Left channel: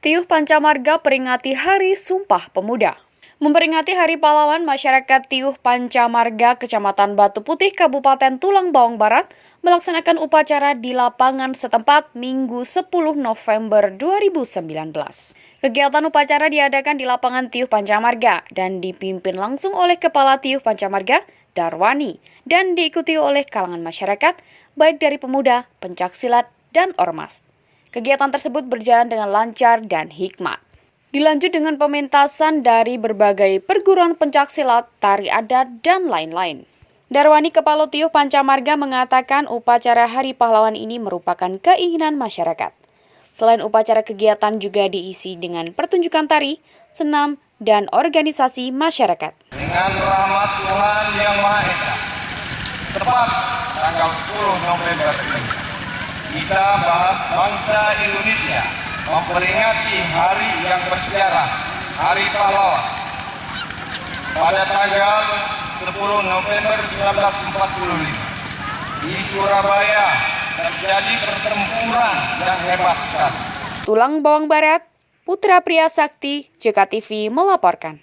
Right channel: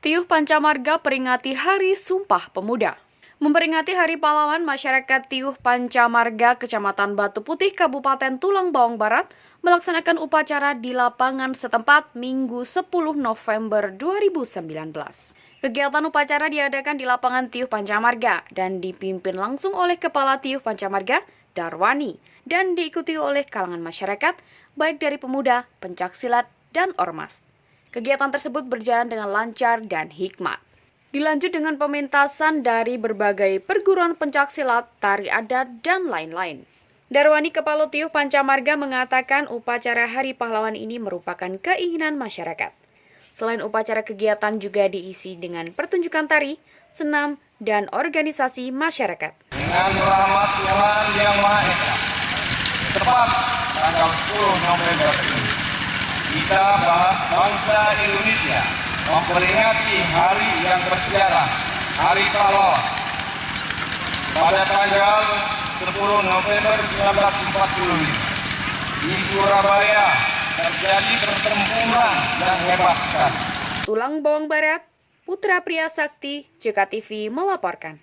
Tiuh Pancamarga peringati Hari Sumpah Pemuda. Memperingati Hari Pahlawan, masyarakat Tiuh Pancamarga, Kecamatan Batu Putih, Kabupaten Tulang Bawang Barat, melaksanakan upacara di lapangan setempat Minggu 10 November 2019. Kegiatan upacara diadakan di lapangan Tiuh Pancamarga dan dipimpin langsung oleh Kepala Tiuh Pancamarga, Darwani, dan diikuti oleh kalangan masyarakat, baik dari pemuda, pencaksilat, dan ormas. Kegiatan tersebut berjalan dengan lancar dan hikmat. Dilanjut dengan pementasan dari berbagai perguruan pencaksilat, tari adat, dan lain-lain. Darwani, Kepala Tiuh Pancamarga, mengatakan upacara Hari Pahlawan ini merupakan keinginan masyarakat. Selain upacara, kegiatan juga diisi dengan pertunjukan tari, senam, dan organisasi masyarakat. Dengan rahmat Tuhan Yang Maha Esa, tepat tanggal 10 November ini, kita bangsa Indonesia memperingati hari yang bersejarah, Hari Pahlawan. Pada tanggal 10 November 1945, di Surabaya terjadi pertempuran yang hebat sekali. Tulang Bawang Barat, Putra Priya Sakti, JKTV melaporkan.